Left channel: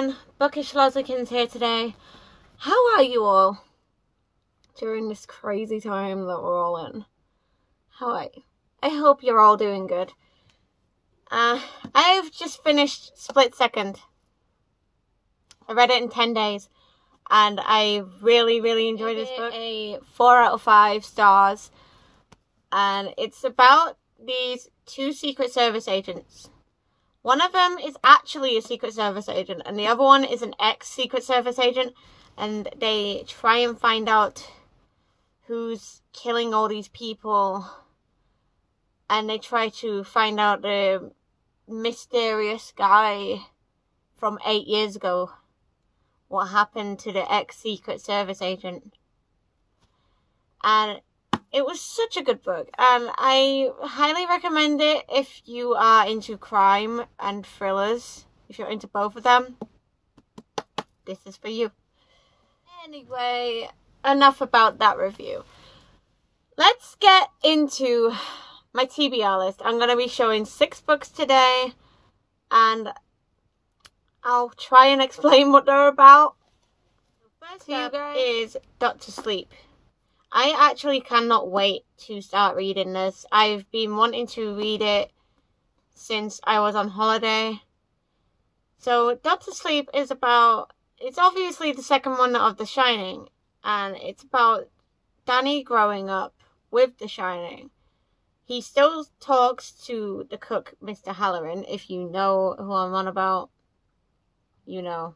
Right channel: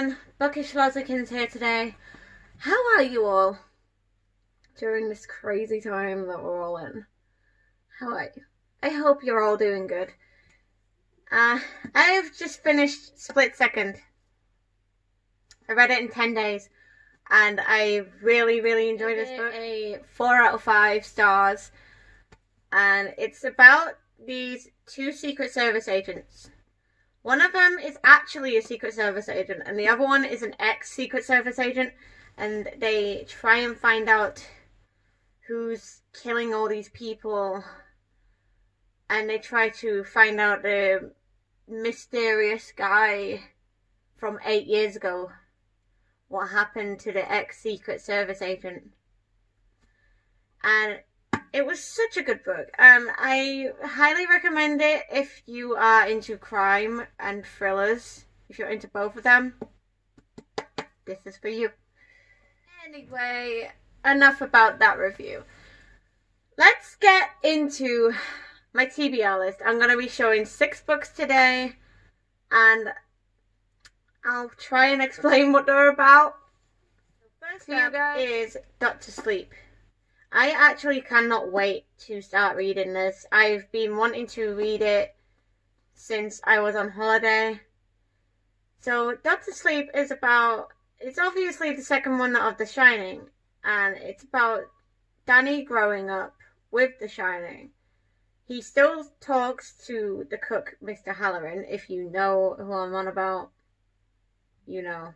everyone, Bookish Lozzykins here today. How are you all during this crazy time that we're all in? How are you? I hope you're all doing good. I've just finished Split Second. I read it in 10 days and I really enjoyed this book. A 4 out of 5 stars, and it's about these two Secret Service agents. One of them is actually a Secret Service agent, and the other one is an ex-Secret Service agent, and they try and find out who's killing all these people, and they try to find out the mysterious guy from 8 years ago, what happened to the ex-Secret Service agent. And it was such a good book, and I highly recommend it if you are into crime and thrillers. If you're into both of them, this is for you. Anyway, enough about that review. Let's get into my TBR list. I'm going to be showing 6 books today, and I'll try and explain what they're about. First up is Dr. Sleep. I actually cannot wait to start reading this. I've been wanting to read it since I was on holiday. So Dr. Sleep is about, it's obviously the second one of The Shining, and it's about Danny growing up with The Shining. He still talks to the cook, Mr. Halloran. If you know who I'm on about, you know.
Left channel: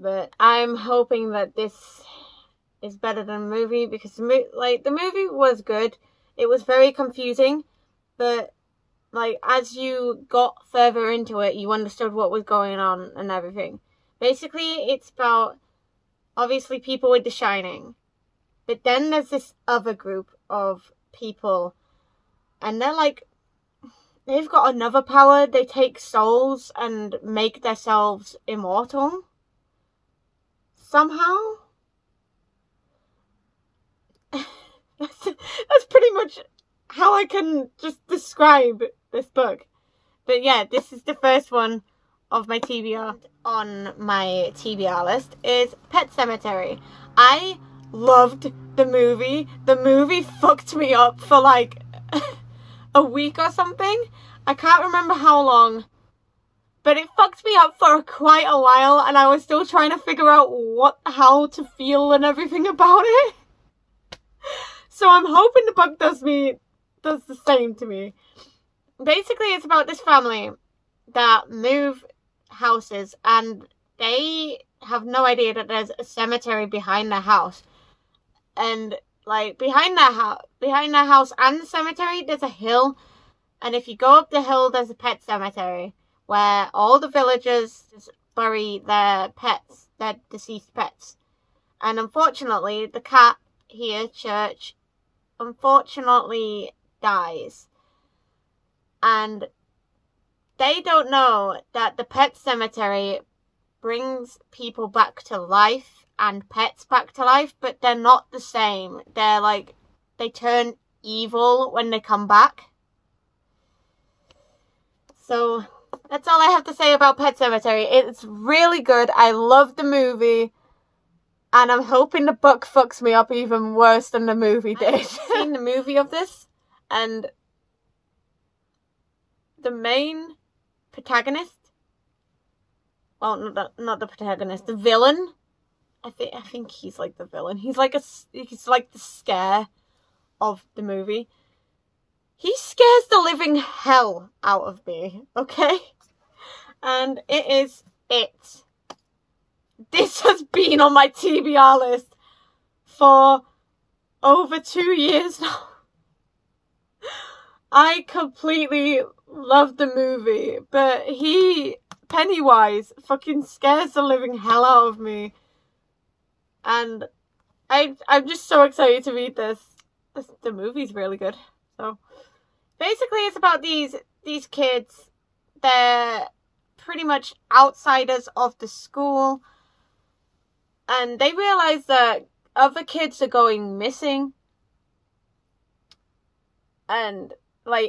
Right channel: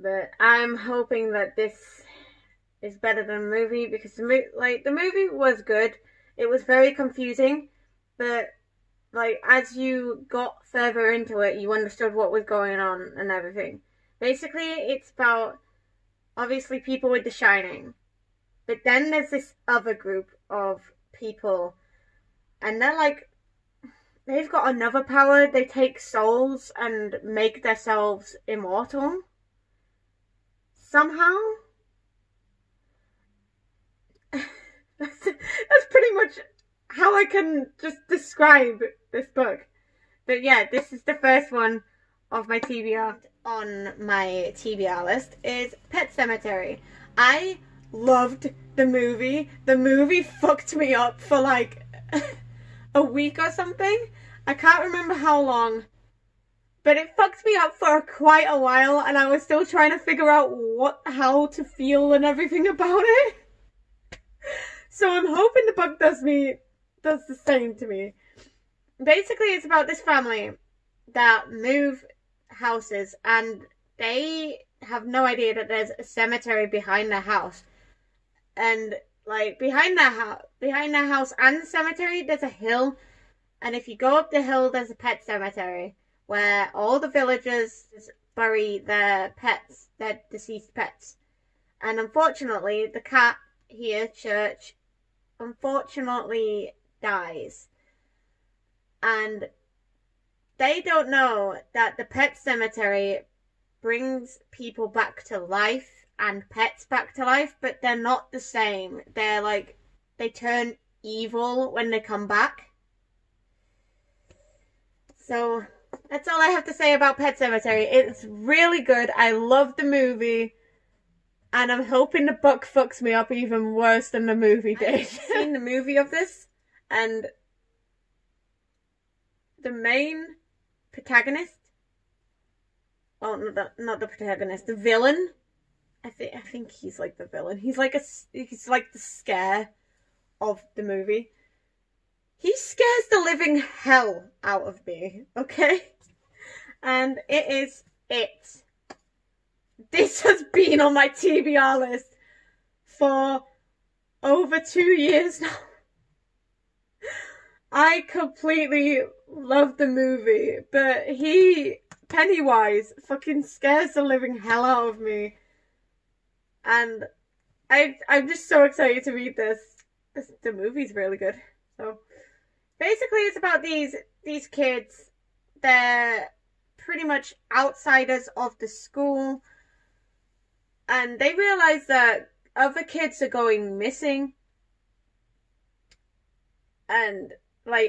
But I'm hoping that this is better than the movie, because the movie was good. It was very confusing, but as you got further into it, you understood what was going on and everything. Basically, it's about obviously people with The Shining, but then there's this other group of people, and they've got another power. They take souls and make themselves immortal somehow. That's pretty much how I can just describe this book. But yeah, this is the first one of my TBR. On my TBR list is Pet Sematary. I loved the movie. The movie fucked me up for a week or something. I can't remember how long, but it fucked me up for quite a while, and I was still trying to figure out how to feel and everything about it. So I'm hoping the book does the same to me. Basically, it's about this family that move houses, and they have no idea that there's a cemetery behind their house. And behind their house and the cemetery, there's a hill. And if you go up the hill, there's a pet cemetery where all the villagers bury their pets, their deceased pets. And unfortunately, the cat here, Church, unfortunately dies, and they don't know that the pet cemetery brings people back to life and pets back to life, but they're not the same. They turn evil when they come back. So that's all I have to say about Pet Sematary. It's really good. I love the movie, and I'm hoping the book fucks me up even worse than the movie did. I've seen the movie of this, and the main protagonist, well, not the protagonist, the villain. I think he's like the villain. He's like the scare of the movie. He scares the living hell out of me, okay? And it is it. This has been on my TBR list for over 2 years now. I completely love the movie, but Pennywise, fucking scares the living hell out of me. And I'm just so excited to read this. The movie's really good. So basically, it's about these kids. They're pretty much outsiders of the school, and they realize that other kids are going missing. And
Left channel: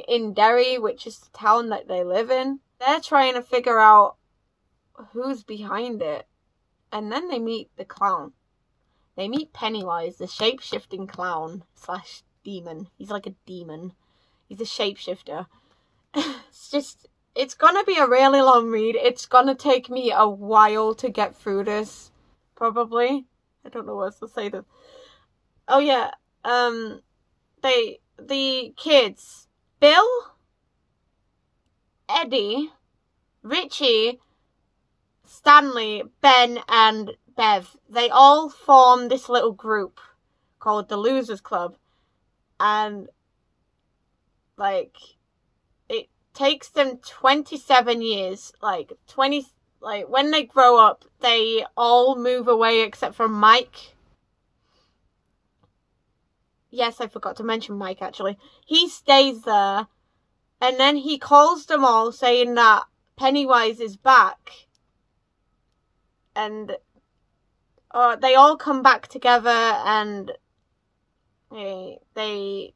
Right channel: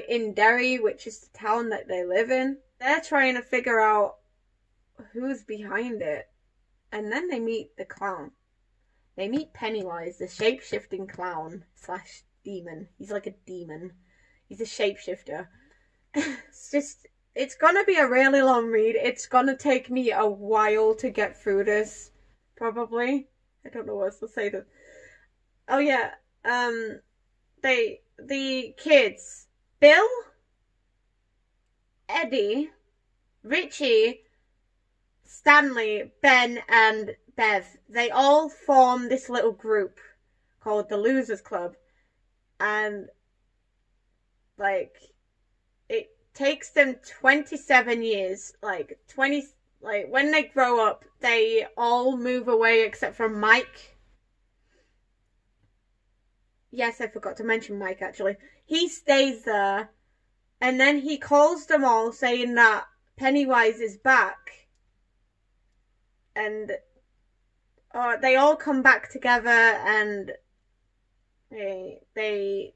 in Derry, which is the town that they live in, they're trying to figure out who's behind it. And then they meet the clown. They meet Pennywise, the shape-shifting clown slash demon. He's like a demon. He's a shapeshifter. It's gonna be a really long read. It's gonna take me a while to get through this, probably. I don't know what else to say. Oh yeah, the kids, Bill, Eddie, Richie, Stanley, Ben, and Bev, they all form this little group called the Losers Club. And, like, it takes them 27 years, when they grow up, they all move away except for Mike. Yes, I forgot to mention Mike, actually. He stays there, and then he calls them all saying that Pennywise is back. And they all come back together, and they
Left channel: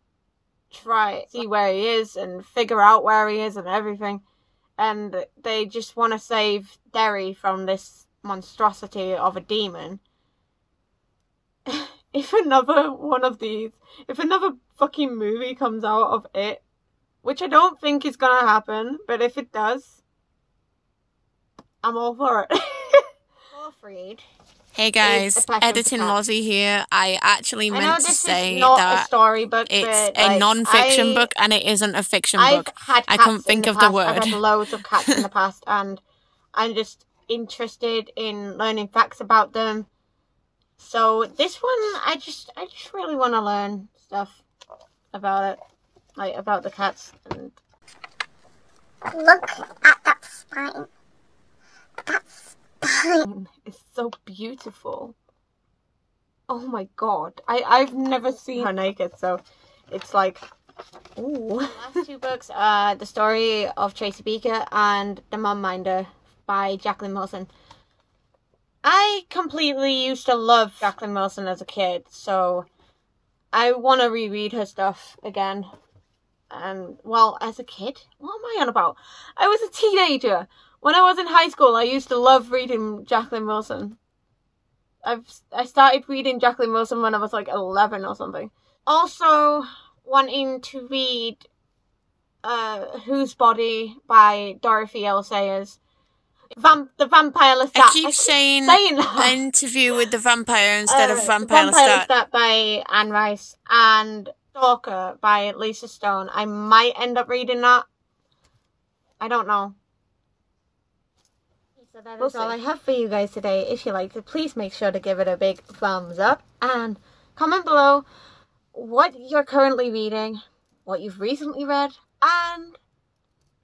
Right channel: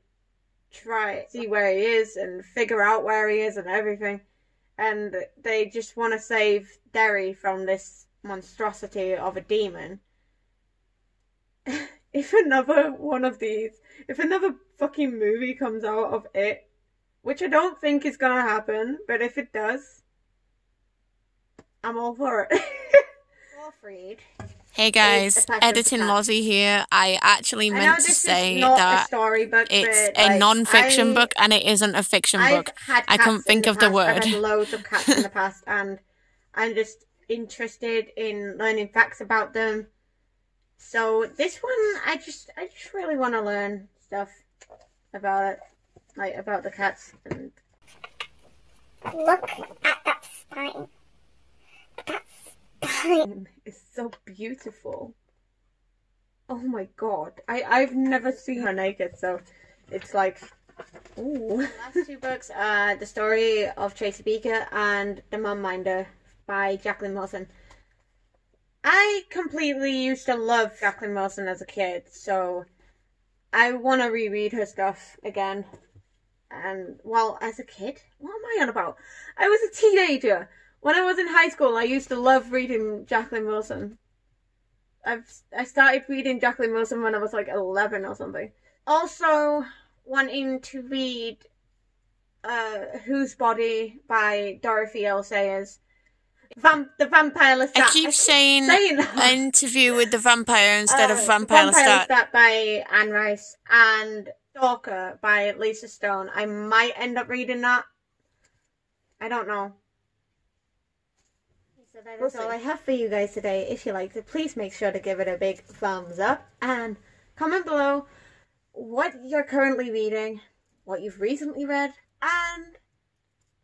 try to see where he is and figure out where he is and everything. And they just want to save Derry from this monstrosity of a demon. If another fucking movie comes out of it, which I don't think is gonna happen, but if it does, I'm all for it. Reid. Hey guys, Editing Lozzy here. I actually meant to say that it's a non-fiction book and it isn't a fiction book. I couldn't think of the word. I've had loads of cats in the past, and I'm just interested in learning facts about them. So this one, I just really want to learn stuff about it, like about the cats. And look at that spine. That spine is so beautiful. Oh my god, I've never seen her naked, so it's like, ooh. The last two books are The Story of Tracy Beaker and The Mom Minder by Jacqueline Wilson. I completely used to love Jacqueline Wilson as a kid, so I want to reread her stuff again. And, well, as a kid? What am I on about? I was a teenager. When I was in high school, I used to love reading Jacqueline Wilson. I started reading Jacqueline Wilson when I was like 11 or something. Also, wanting to read Whose Body by Dorothy L. Sayers. The Vampire Lestat. I keep saying Interview with the Vampire instead of Vampire Lestat by Anne Rice, and Stalker by Lisa Stone. I might end up reading that. I don't know. So that is all I have for you guys today. If you liked it, please make sure to give it a big thumbs up and comment below what you're currently reading, what you've recently read, and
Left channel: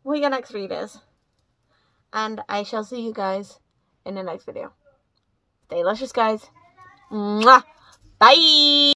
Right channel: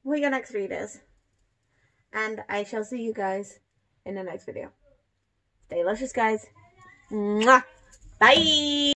what your next read is. And I shall see you guys in the next video. Stay luscious, guys. Mwah! Bye!